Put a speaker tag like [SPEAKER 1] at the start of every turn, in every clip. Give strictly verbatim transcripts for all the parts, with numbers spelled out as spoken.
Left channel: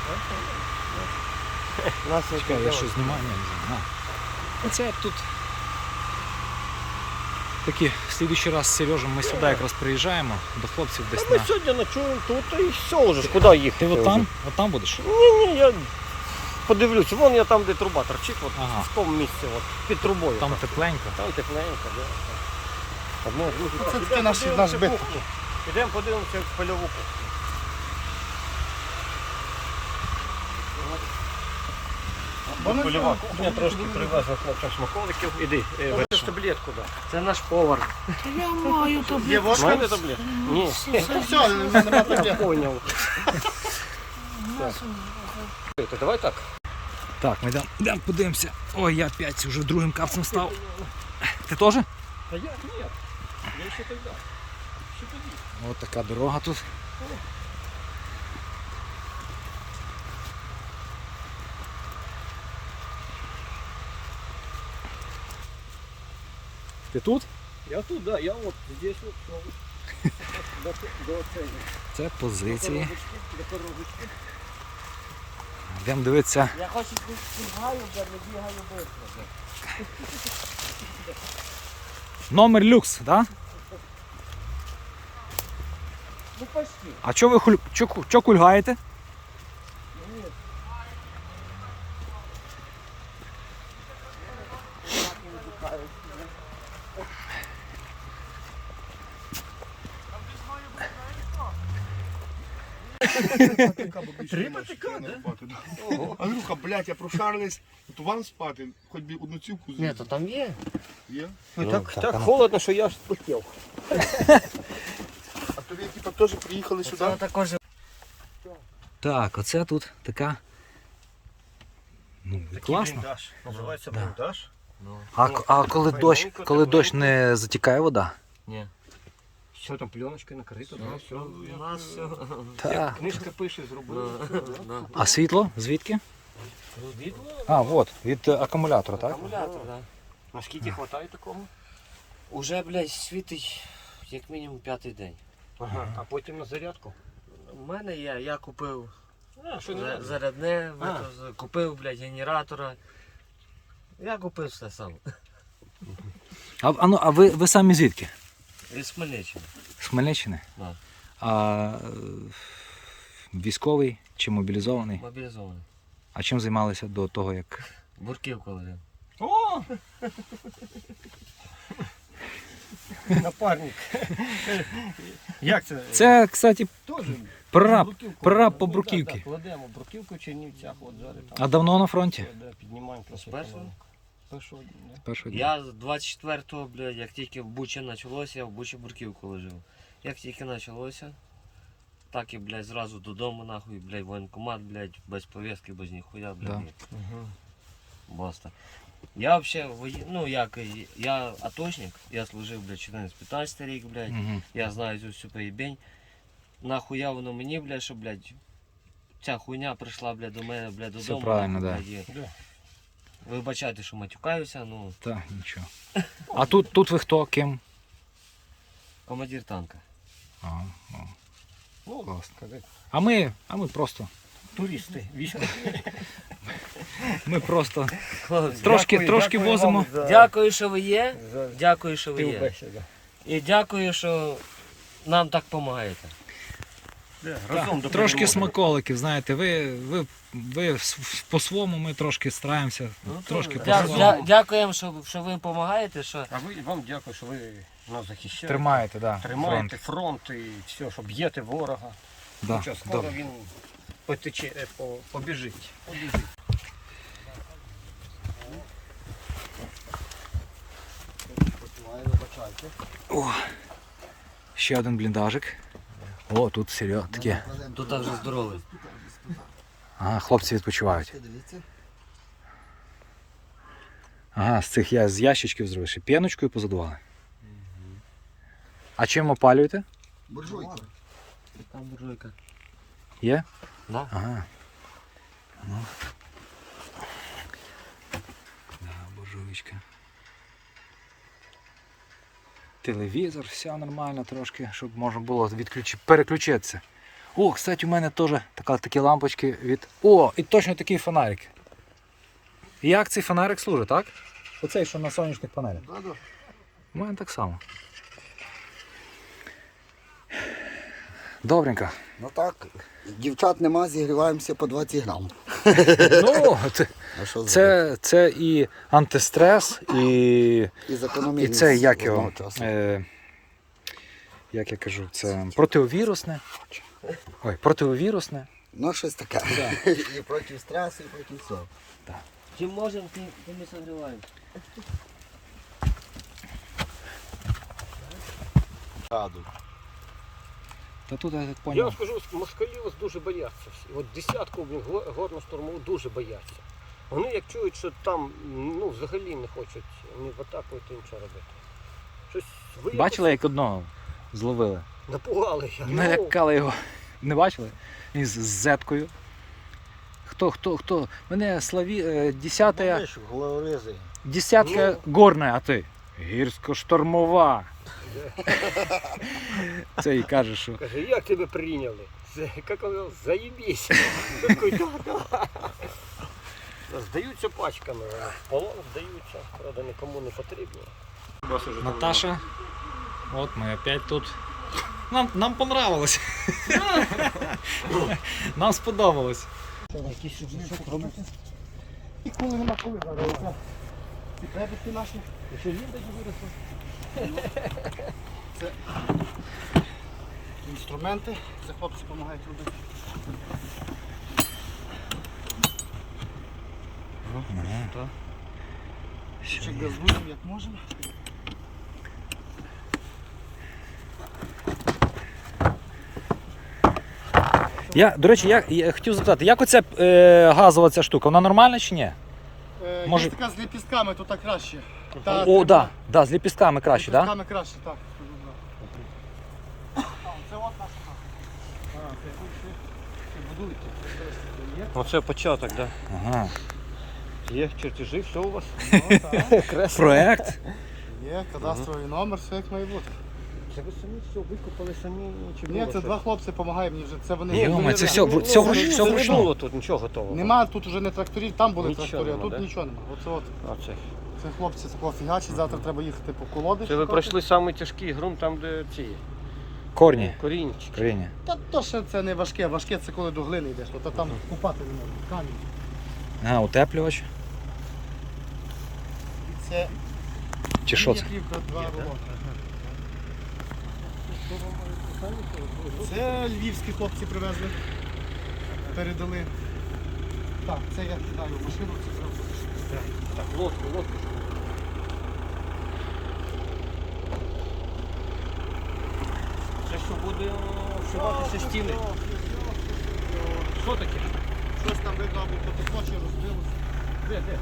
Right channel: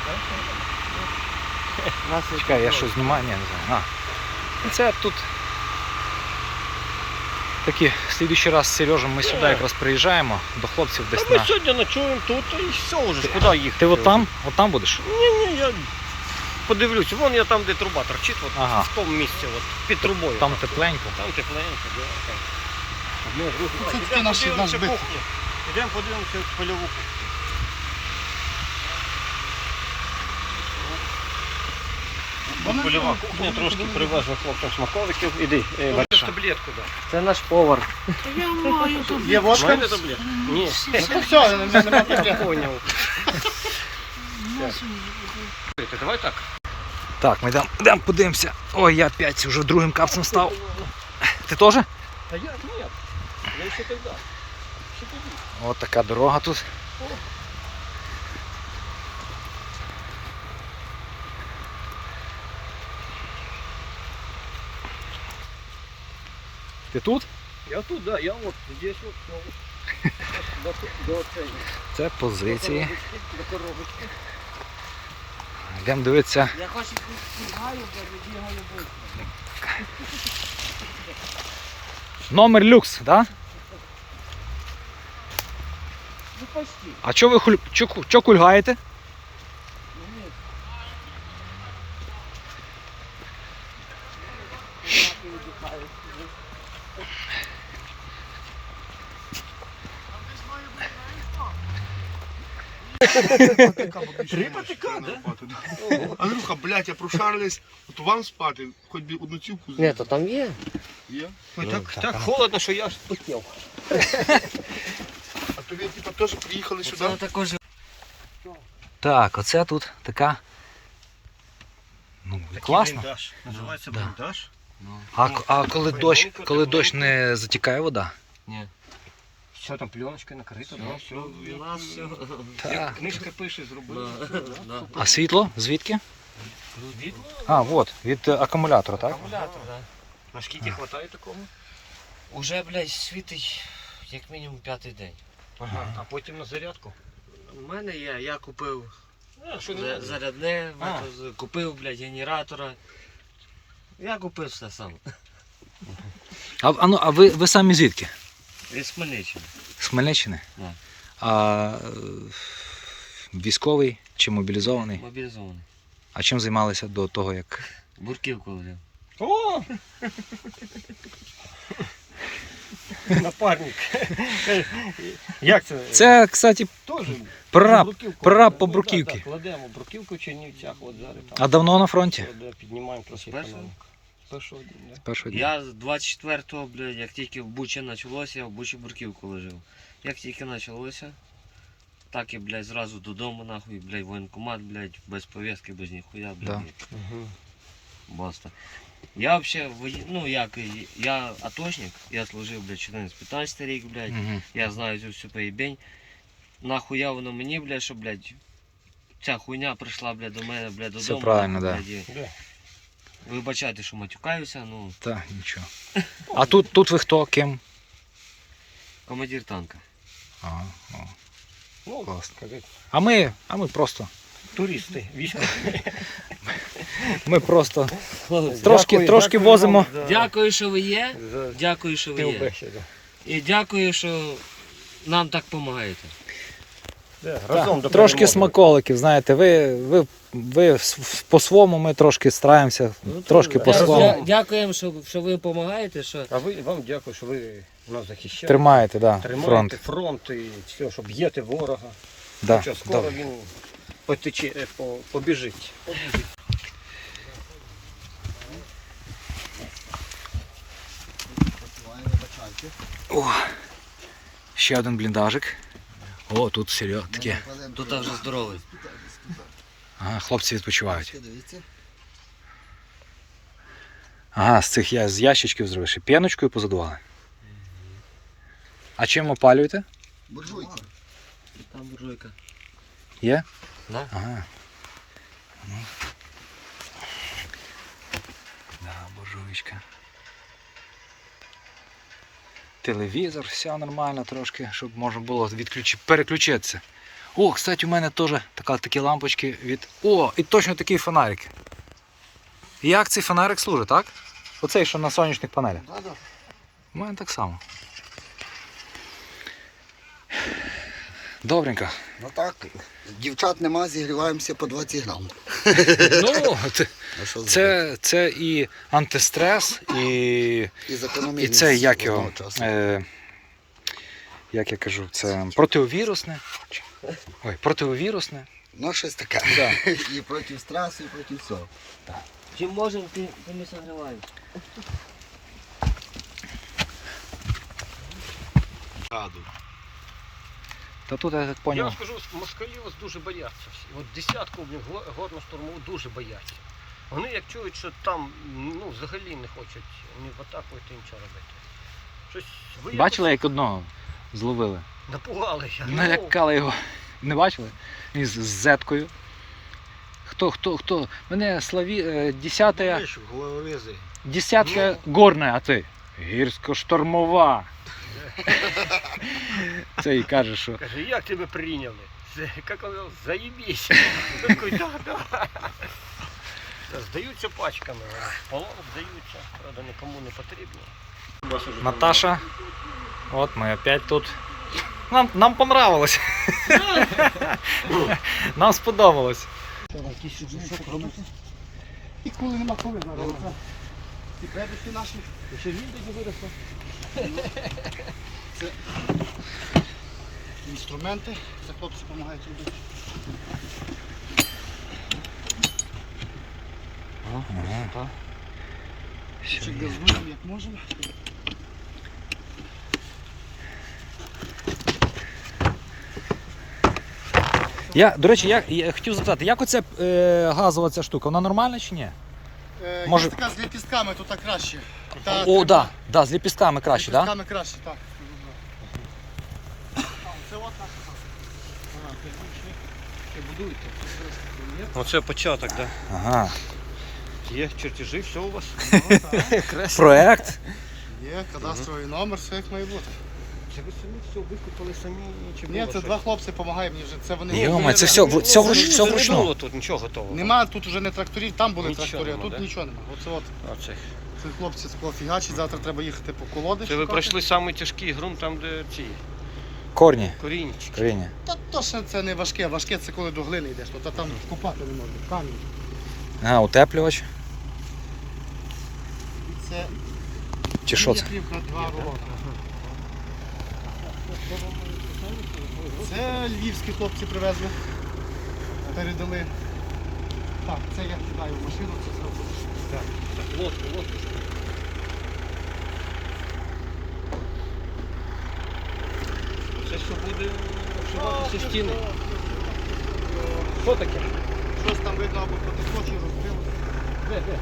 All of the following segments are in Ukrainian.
[SPEAKER 1] Чекай, я що знімаю? Ні, не знаю. А. Це тут такі, в слідуючий раз з Сережем ми сюди якраз приїжджаємо до хлопців десь
[SPEAKER 2] Та ми
[SPEAKER 1] на...
[SPEAKER 2] сьогодні ночуємо тут і все вже, куди їхати?
[SPEAKER 1] Ти от там? От там будеш?
[SPEAKER 2] Ні, ні, я подивлюсь, вон я там, де труба торчить, от,
[SPEAKER 1] Ага.
[SPEAKER 2] в тому місці, от, під трубою.
[SPEAKER 1] Там тепленько.
[SPEAKER 2] Там тепленько, да. Так, ми друзі,
[SPEAKER 3] Це
[SPEAKER 2] так,
[SPEAKER 3] таки
[SPEAKER 2] ідемо
[SPEAKER 3] наш-
[SPEAKER 2] подивимося
[SPEAKER 3] наш бит.
[SPEAKER 2] кухню. Ідемо подивимося в польову кухню. Польова кухня, трошки привезла хлопцям смаколиків. Іди, бачиш таблетку, да.
[SPEAKER 4] Це наш повар.
[SPEAKER 3] Є водка?
[SPEAKER 2] Знаєте таблетку? Ні.
[SPEAKER 3] Ну то все, нема таблеток.
[SPEAKER 2] Давай так.
[SPEAKER 1] Так, ми йдемо, йдемо подивимося. Ой, я опять вже другим капцем став. Ти теж?
[SPEAKER 2] Та я, ні. Я ще тоді. Ще тоді.
[SPEAKER 1] Ось така дорога тут. Ти тут?
[SPEAKER 2] Я тут, да, я вот здесь вот, все, вот, до, до, цього,
[SPEAKER 1] Це
[SPEAKER 2] до
[SPEAKER 1] позиції.
[SPEAKER 2] коробочки, до коробочки.
[SPEAKER 1] Йдемо дивитися.
[SPEAKER 4] Я хочу співаю, бо не бігаю швидко.
[SPEAKER 1] Номер люкс, так? Да?
[SPEAKER 4] Ну почти.
[SPEAKER 1] А чо ви хуль... чо, ку- чо кульгаєте?
[SPEAKER 3] Три патика, да? Андрюха, блядь, я прошарились, от вам спати, хоч би одну цівку
[SPEAKER 4] Ні,
[SPEAKER 3] з'їв.
[SPEAKER 4] то там є.
[SPEAKER 3] Є?
[SPEAKER 2] Ой, так, так холодно, що я ж спустив.
[SPEAKER 3] А то ви типа теж приїхали
[SPEAKER 4] Це
[SPEAKER 3] сюди?
[SPEAKER 4] також.
[SPEAKER 1] Так, оце тут така. Ну, класно.
[SPEAKER 2] Бліндаж. Називається
[SPEAKER 1] Да.
[SPEAKER 2] бліндаж.
[SPEAKER 1] А, к- а коли дощ, коли дощ не затікає вода?
[SPEAKER 4] Ні.
[SPEAKER 2] Все там пленочкою накрито, да, все.
[SPEAKER 4] У нас все.
[SPEAKER 1] Так.
[SPEAKER 2] Книжка пише, зробили.
[SPEAKER 4] Да.
[SPEAKER 1] А світло? Звідки?
[SPEAKER 2] Від
[SPEAKER 1] А, от, від е, акумулятора, так?
[SPEAKER 4] Акумулятор, да.
[SPEAKER 2] наскільки вистачає такому?
[SPEAKER 4] Уже, блядь, світить як мінімум п'ятий день.
[SPEAKER 2] Ага. А потім на зарядку.
[SPEAKER 4] У мене є, я купив
[SPEAKER 2] А, що
[SPEAKER 4] за-
[SPEAKER 2] не
[SPEAKER 4] зарядне,
[SPEAKER 2] А.
[SPEAKER 4] вето- з- купив, блядь, генератора. Я купив все сам.
[SPEAKER 1] А, а, ну, а ви, ви самі звідки?
[SPEAKER 4] Із Хмельниччини.
[SPEAKER 1] З Хмельниччини?
[SPEAKER 4] Да.
[SPEAKER 1] А е, військовий чи мобілізований?
[SPEAKER 4] Мобілізований.
[SPEAKER 1] А чим займалися до того, як.
[SPEAKER 4] Бурківку лежив.
[SPEAKER 2] О! Напарник. Як це?
[SPEAKER 1] Це, кстати,
[SPEAKER 2] Теж
[SPEAKER 1] прораб,
[SPEAKER 2] бруківку.
[SPEAKER 1] прораб по
[SPEAKER 2] Ну,
[SPEAKER 1] бруківці.
[SPEAKER 2] да, да, кладемо бруківку в Чернівцях, от зараз там.
[SPEAKER 1] А давно на фронті?
[SPEAKER 2] Да, піднімаємо трохи.
[SPEAKER 4] першого?
[SPEAKER 2] економіку. З першого дня, да.
[SPEAKER 1] З першого дня.
[SPEAKER 4] Я з двадцять четвертого, блядь, як тільки в Бучі почалося, я в Бучі бурківку лежив. Як тільки почалося, так і, блядь, зразу додому, нахуй, блядь, воєнкомат, блядь, без повістки, без ніхуя, блядь,
[SPEAKER 1] Да.
[SPEAKER 4] ні. Баста. Я взагалі, вої- ну як, я атошник, я служив, блядь, чотирнадцять-п'ятнадцять рік, блядь,
[SPEAKER 1] Угу.
[SPEAKER 4] я знаю цю всю поїбень. Нахуя воно мені, блядь, що, блядь, ця хуйня прийшла, блядь, до мене, блядь, додому.
[SPEAKER 1] Все правильно,
[SPEAKER 4] нахуй,
[SPEAKER 1] да.
[SPEAKER 4] блядь, і
[SPEAKER 2] Да.
[SPEAKER 4] вибачайте, що матюкаюся, ну,
[SPEAKER 1] Так, нічого. А тут, тут ви хто, ким?
[SPEAKER 4] командир танка.
[SPEAKER 1] Ага, о.
[SPEAKER 2] Ну,
[SPEAKER 1] Класно.
[SPEAKER 2] сказати,
[SPEAKER 1] А ми, а ми просто.
[SPEAKER 2] туристи, військові.
[SPEAKER 1] Ми просто
[SPEAKER 4] Хлопці,
[SPEAKER 1] трошки,
[SPEAKER 2] Дякую,
[SPEAKER 1] трошки
[SPEAKER 2] дякую
[SPEAKER 1] возимо.
[SPEAKER 2] вам за-
[SPEAKER 4] дякую, що ви є.
[SPEAKER 2] за
[SPEAKER 4] Дякую, що ви є.
[SPEAKER 2] співбесіду.
[SPEAKER 4] І дякую, що нам так допомагаєте.
[SPEAKER 2] Да,
[SPEAKER 1] Так,
[SPEAKER 2] разом до
[SPEAKER 1] трошки
[SPEAKER 2] перемоги.
[SPEAKER 1] смаколиків, знаєте, ви, ви, ви с- по-своєму ми трошки стараємося,
[SPEAKER 4] Ну,
[SPEAKER 1] трошки
[SPEAKER 4] то- дя-
[SPEAKER 1] по-своєму.
[SPEAKER 4] дя- Дякуємо, що, що ви допомагаєте. Що...
[SPEAKER 2] А ви, вам дякую, що ви нас захищаєте.
[SPEAKER 1] Тримаєте, да,
[SPEAKER 2] Тримаєте
[SPEAKER 1] фронт.
[SPEAKER 2] фронт і все, щоб б'єте ворога.
[SPEAKER 1] Да,
[SPEAKER 2] Хоча скоро
[SPEAKER 1] добре.
[SPEAKER 2] він потече, е, по- побіжить.
[SPEAKER 1] О, ще один бліндажик. О, тут серйозно таке.
[SPEAKER 4] Тут вже здоровий.
[SPEAKER 1] Ага, хлопці відпочивають. Ага, з цих я з ящичків зробив. Ще п'яночкою позадували. А чим опалюєте?
[SPEAKER 3] Буржуйка.
[SPEAKER 4] Там буржуйка.
[SPEAKER 1] Є?
[SPEAKER 4] Да.
[SPEAKER 1] Ага. Ну. Да, буржуйка. Телевізор, все нормально трошки, щоб можна було відключити, переключитися. О, кстати, у мене теж така, такі лампочки від... О, і точно такий фонарик. Як цей фонарик служить, так? Оцей, що на сонячних панелях.
[SPEAKER 3] Да, да.
[SPEAKER 1] У мене так само. Добренько.
[SPEAKER 5] Ну так, дівчат нема, зігріваємося по двадцять грам.
[SPEAKER 1] Ну, це,
[SPEAKER 5] А що зробити?
[SPEAKER 1] це, це і антистрес, і,
[SPEAKER 5] І закономірність
[SPEAKER 1] і це як його,
[SPEAKER 5] одночасно.
[SPEAKER 1] е, як я кажу, це противовірусне. Ой, противовірусне.
[SPEAKER 5] Ну, щось таке.
[SPEAKER 1] Да.
[SPEAKER 5] І проти стресу, і проти всього.
[SPEAKER 4] Чим можемо, тим ми согріваємо.
[SPEAKER 3] Раду.
[SPEAKER 1] Та тут я так
[SPEAKER 2] Я
[SPEAKER 1] поняв.
[SPEAKER 2] вам скажу, москалів ось дуже бояться всі. От десятку блін, го- горно-штурмову дуже бояться. Вони як чують, що там ну, взагалі не хочуть ні в атаку йти, нічого робити. Щось ви
[SPEAKER 1] Бачили, як одного зловили?
[SPEAKER 2] якось напугали. я.
[SPEAKER 1] Налякали його. Не бачили? Він з з зеткою. Хто, хто, хто? Мене славі... е, десятая,
[SPEAKER 3] Головорези.
[SPEAKER 1] десятка горна, а ти? Гірсько-штормова. Це і каже, що
[SPEAKER 2] Каже, як тебе прийняли? Це, як воно, заєбісь. Такий, «Да, да». Здаються пачками, а полон здаються, правда, нікому не потрібно.
[SPEAKER 1] Наташа. От ми опять тут. Нам, нам понравилось. Нам сподобалось.
[SPEAKER 3] І коли нема коли зараз. І бебіки наші.
[SPEAKER 2] Ще він тоді виросло.
[SPEAKER 3] Це інструменти. Це хлопці допомагають робити.
[SPEAKER 1] Ага.
[SPEAKER 3] Ще газуємо, як можемо.
[SPEAKER 1] Я, до речі, я, я хотів запитати, як оця е, газова ця штука, вона нормальна чи ні? Може-
[SPEAKER 3] Може... Така з ліпістками тут так краще. Та,
[SPEAKER 1] О, так, да, да, з ліпістками краще, так? Да?
[SPEAKER 3] Ліпістками краще, так. Це от наша хата. А, це тут ще будують.
[SPEAKER 2] Ну це початок, так.
[SPEAKER 1] Ага.
[SPEAKER 2] Є чертежі, все у вас.
[SPEAKER 1] Проект.
[SPEAKER 3] Є кадастровий номер, все як має бути.
[SPEAKER 2] Це ви самі все викупали самі чи
[SPEAKER 3] Ні,
[SPEAKER 2] було
[SPEAKER 3] це
[SPEAKER 2] щось?
[SPEAKER 3] два хлопці допомагають мені вже. Це вони.
[SPEAKER 1] Йома, це все, вру- все, вруч, все
[SPEAKER 2] Це не
[SPEAKER 1] вручну.
[SPEAKER 2] було тут нічого готового.
[SPEAKER 3] Нема тут уже не тракторів, там були
[SPEAKER 2] Нічого
[SPEAKER 3] трактори, а
[SPEAKER 2] нема,
[SPEAKER 3] тут
[SPEAKER 2] да?
[SPEAKER 3] нічого немає. Оце от.
[SPEAKER 2] Оце.
[SPEAKER 3] Це хлопці такого фігачить, завтра треба їхати по колоди.
[SPEAKER 2] Це ви
[SPEAKER 3] шукати.
[SPEAKER 2] пройшли самий тяжкий ґрунт, там де ці
[SPEAKER 1] Корні.
[SPEAKER 2] корінчики.
[SPEAKER 1] Коріння.
[SPEAKER 3] Та то, що це не важке, важке це коли до глини йдеш, то, то там копати не можна, камінь.
[SPEAKER 1] Ага, утеплювач.
[SPEAKER 3] І це
[SPEAKER 1] Чи що це?
[SPEAKER 3] плівка два рулона. Це львівські хлопці привезли, передали. Так, це я кидаю в машину, це зразу.
[SPEAKER 2] Так, лодку, лодку. Це все буде вшиватися в стіни. Що таке?
[SPEAKER 3] Щось там видно або потекло чи розбилося.
[SPEAKER 2] Де, де?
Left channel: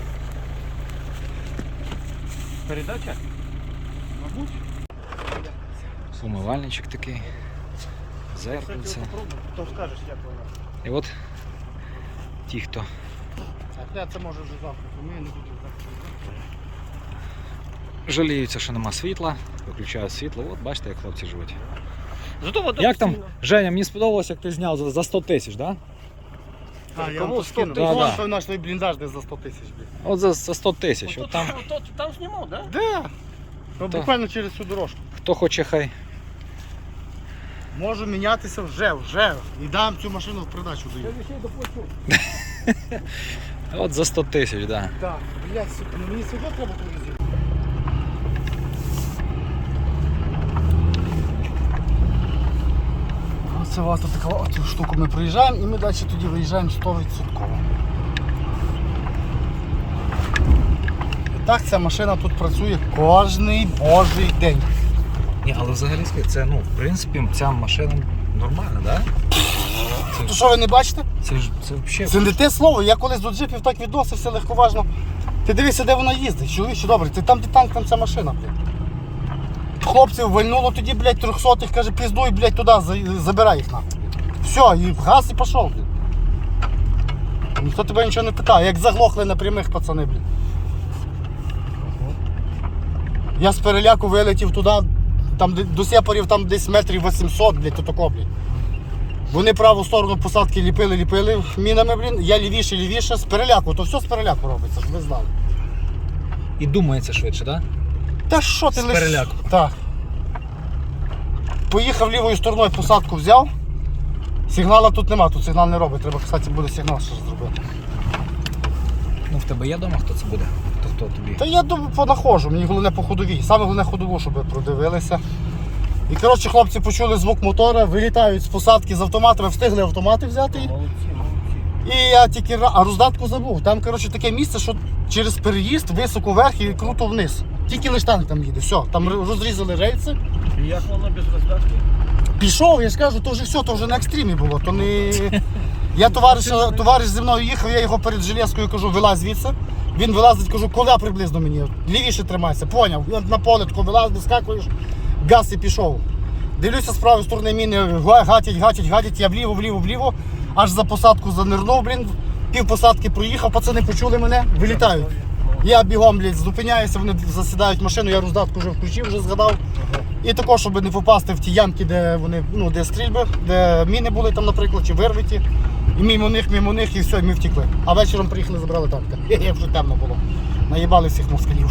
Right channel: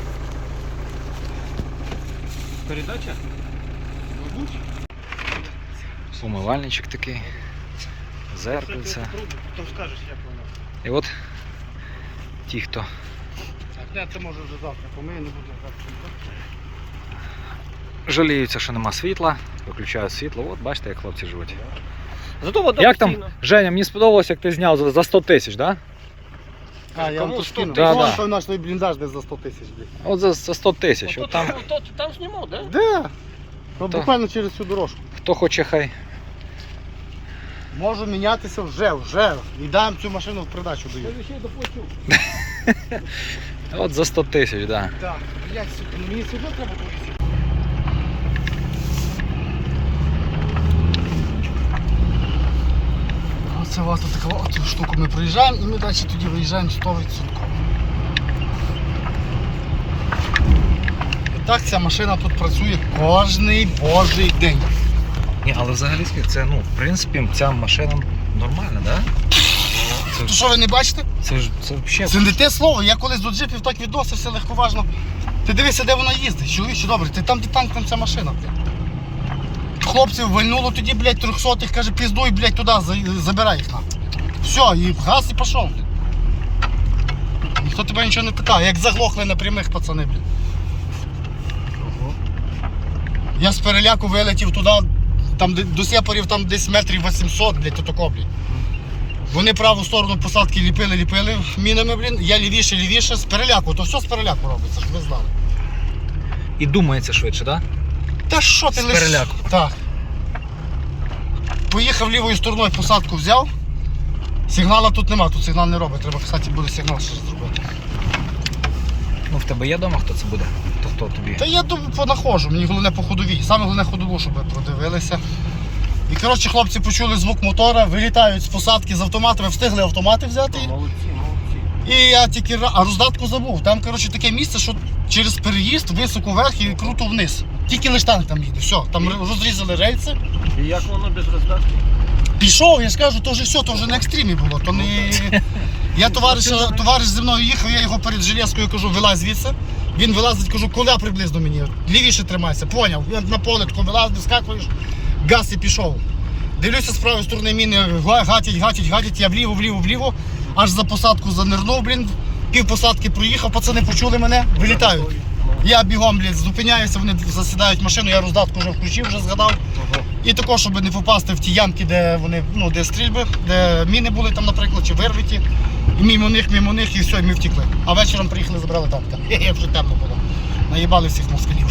[SPEAKER 2] Передача?
[SPEAKER 3] Мабуть.
[SPEAKER 1] Умивальничок такий. Зеркальце.
[SPEAKER 3] Потім скажеш, як воно.
[SPEAKER 1] І от ті, хто
[SPEAKER 3] А це, це може вже завтра помию, не буду завтра.
[SPEAKER 1] жаліються, що нема світла, виключають світло. От бачите, як хлопці живуть.
[SPEAKER 2] Зато вода
[SPEAKER 1] Як там,
[SPEAKER 2] постійна.
[SPEAKER 1] Женя, мені сподобалось, як ти зняв за- за сто тисяч, так? Да?
[SPEAKER 3] А, я вам
[SPEAKER 2] Кому
[SPEAKER 3] тут
[SPEAKER 2] сто
[SPEAKER 3] скину.
[SPEAKER 1] Да, да.
[SPEAKER 3] Це наш той бліндаж десь за сто тисяч. блін.
[SPEAKER 1] От за, за сто тисяч.
[SPEAKER 2] От
[SPEAKER 1] От там,
[SPEAKER 2] там... От, там знімав, так? Да?
[SPEAKER 3] Де? Ну,
[SPEAKER 1] Та.
[SPEAKER 3] буквально через цю дорожку.
[SPEAKER 1] хто хоче, хай.
[SPEAKER 3] Можу мінятися вже, вже. І дам цю машину в продачу даю.
[SPEAKER 2] Я ще й доплачу.
[SPEAKER 1] От за сто тисяч, так. Да.
[SPEAKER 3] Так, блядь, сука, ну мені сюди треба повезти. Оце у вас тут таку от штуку ми проїжджаємо і ми далі тоді виїжджаємо сто відсотків. І так ця машина тут працює кожний божий день.
[SPEAKER 1] Ні, але взагалі це, ну, в принципі, ця машина нормальна, так?
[SPEAKER 3] То що ви не бачите?
[SPEAKER 1] Це ж це взагалі.
[SPEAKER 3] Це не те слово, я колись до джипів так відносився легковажно. Ти дивися, де вона їздить, чоловіче, добре, ти там, де танк, там ця машина, блядь. Хлопців вальнуло тоді, блядь, трьохсотих, каже, піздуй, блядь, туди, за- забирай їх нахуй. Все, і в газ і пішов, блядь. Ніхто тебе нічого не питає, як заглохли на прямих, пацани, блядь. Я з переляку вилетів туди, там де- до сепарів там десь метрів вісімсот, блядь, отако, блядь. Вони праву сторону посадки ліпили, ліпили мінами, блін. Я лівіше, лівіше, з переляку, то все з переляку робиться, щоб ви знали.
[SPEAKER 1] І думається швидше, так?
[SPEAKER 3] Та що ти
[SPEAKER 1] З
[SPEAKER 3] лиш-
[SPEAKER 1] переляку.
[SPEAKER 3] Так. Поїхав лівою стороною, посадку взяв. Сигнала тут нема, тут сигнал не робить. Треба, кстати, буде сигнал ще зробити.
[SPEAKER 1] Ну в тебе є вдома, хто це буде? То хто тобі?
[SPEAKER 3] Та я думаю, понаходжу, мені головне по ходовій. Саме головне ходову, щоб ви продивилися. І коротше, хлопці почули звук мотора, вилітають з посадки з автоматами, встигли автомати взяти.
[SPEAKER 2] Молодці, молодці.
[SPEAKER 3] І я тільки ра- а роздатку забув. Там коротше таке місце, що через переїзд високо вверх і круто вниз. Тільки лиш танк там їде. Все, там р- розрізали рельси.
[SPEAKER 2] І як воно без роздатки?
[SPEAKER 3] Пішов, я ж кажу, то вже все, то вже на екстримі було. То не... Я товариш, товариш зі мною їхав, я його перед железкою кажу, вилазь звідси. Він вилазить, кажу, коли приблизно мені. Лівіше тримайся, поняв. Я на поле тако вилазь, вискакуєш, газ і пішов. Дивлюся з правої сторони міни, га- гатять, гатять, гатять, я вліво, вліво, вліво, аж за посадку занирнув, блін. Пів посадки проїхав, пацани почули мене, вилітають. Я бігом, блін, зупиняюся, вони засідають в машину, я роздатку вже включив, вже згадав. І також, щоб не попасти в ті ямки, де вони, ну, де стрільби, де міни були там, наприклад, чи вирвиті. І мимо них, мимо них, і все, і ми втекли. А вечором приїхали, забрали танка. Хе-хе, вже темно було. Наїбали всіх москалів.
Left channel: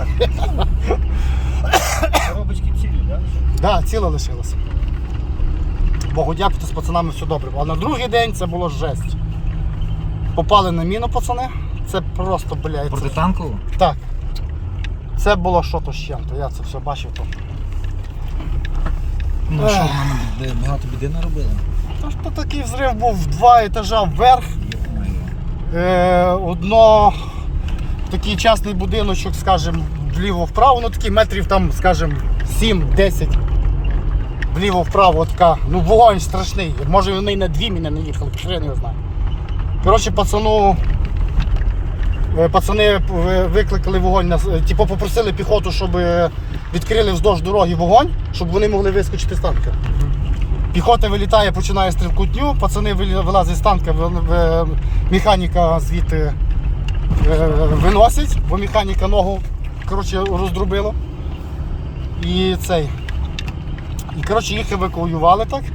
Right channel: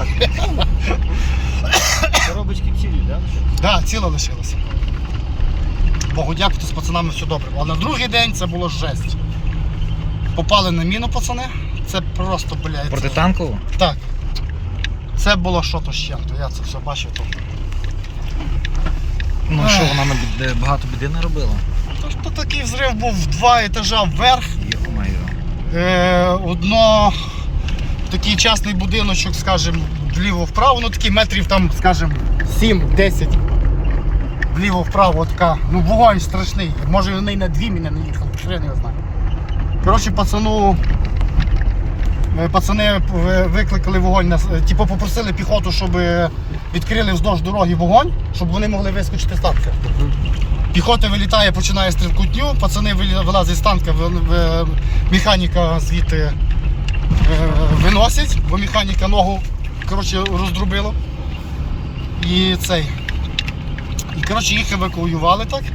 [SPEAKER 2] Коробочки цілі, так?
[SPEAKER 3] Так, да, ціла лишилася. Богу дякувати, з пацанами все добре. А на другий день це було жесть. Попали на міну, пацани. Це просто, блядь.
[SPEAKER 1] Протитанкову?
[SPEAKER 3] Так. Це було що-то з чим-то, я це все бачив тут.
[SPEAKER 1] Ну
[SPEAKER 3] Ех.
[SPEAKER 1] що, вона на біди, багато біди не робила?
[SPEAKER 3] Та ж то такий взрив був в два етажа вверх.
[SPEAKER 1] Йо-моє.
[SPEAKER 3] Е, одно такий частний будиночок, скажімо, вліво-вправо, ну такий метрів там, скажімо, сім-десять. Вліво-вправо така, ну вогонь страшний. Може вони на дві мене не їхали, що я не знаю. Коротше, пацану, е, пацани е, викликали вогонь, на с- е, типу попросили піхоту, щоб е, відкрили вздовж дороги вогонь, щоб вони могли вискочити з танка. Піхота вилітає, починає стрілкутню, пацани вилі- вилазять з танка, ви- ви- механіка звідти е, виносять, бо механіка ногу коротше, роздрубило. І цей. І коротше їх евакуювали так.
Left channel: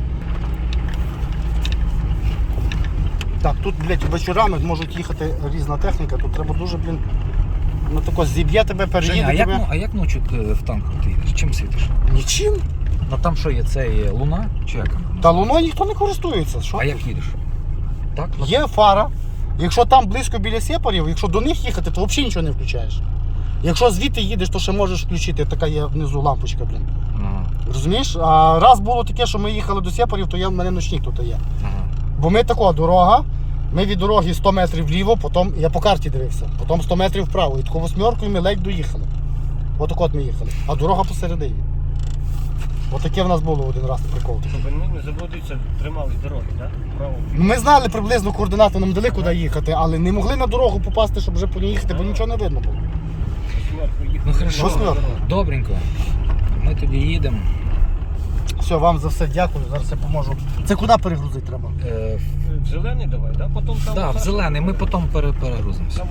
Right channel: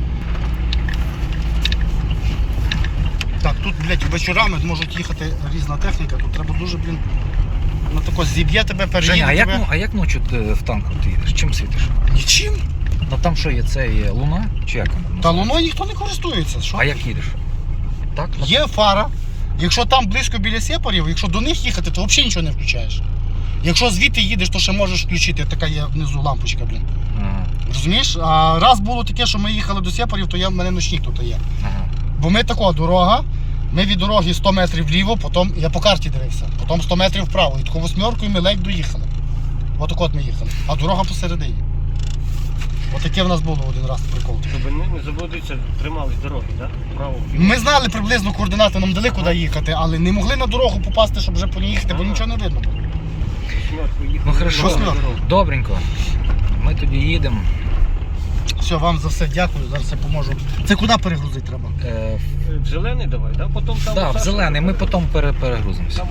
[SPEAKER 3] Так, тут, блядь, вечорами можуть їхати різна техніка, тут треба дуже, блін, ну тако зіб'є тебе, переїде
[SPEAKER 1] Женя, а як,
[SPEAKER 3] тебе.
[SPEAKER 1] ну- а як ночі ти в танку ти їдеш? Чим світиш?
[SPEAKER 3] Нічим.
[SPEAKER 1] Ну там що є? Це є луна? Чи як вона?
[SPEAKER 3] Та луною ніхто не користується. Що?
[SPEAKER 1] А як їдеш? Так? Ну,
[SPEAKER 3] Є фара. Якщо там близько біля сепарів, якщо до них їхати, то взагалі нічого не включаєш. Якщо звідти їдеш, то ще можеш включити, така є внизу лампочка, блін.
[SPEAKER 1] Ага,
[SPEAKER 3] Розумієш? А раз було таке, що ми їхали до сепарів, то я, в мене ночник тут є.
[SPEAKER 1] ага.
[SPEAKER 3] Бо ми така дорога, ми від дороги сто метрів вліво, потім, я по карті дивився, потім сто метрів вправо. І таку восьмеркою ми ледь доїхали. Отак от ми їхали. А дорога посередині. Отаке в нас було один раз прикол.
[SPEAKER 2] Щоб не, не заблудитися, тримались дороги, так? Право.
[SPEAKER 3] Ми знали приблизно координати, нам дали куди їхати, але не могли на дорогу попасти, щоб вже по ній їхати, бо нічого не видно було.
[SPEAKER 2] Восьмерку їхали.
[SPEAKER 1] Ну хорошо,
[SPEAKER 3] Восьмерку.
[SPEAKER 1] добренько. Ми тоді їдемо.
[SPEAKER 3] Все, вам за все дякую, зараз я поможу. Це куди перегрузити треба?
[SPEAKER 1] Е,
[SPEAKER 2] В зелений давай, так? Потім там.
[SPEAKER 1] да, в
[SPEAKER 2] Саша
[SPEAKER 1] зелений, ми
[SPEAKER 2] забере.
[SPEAKER 1] потім пере- перегрузимося.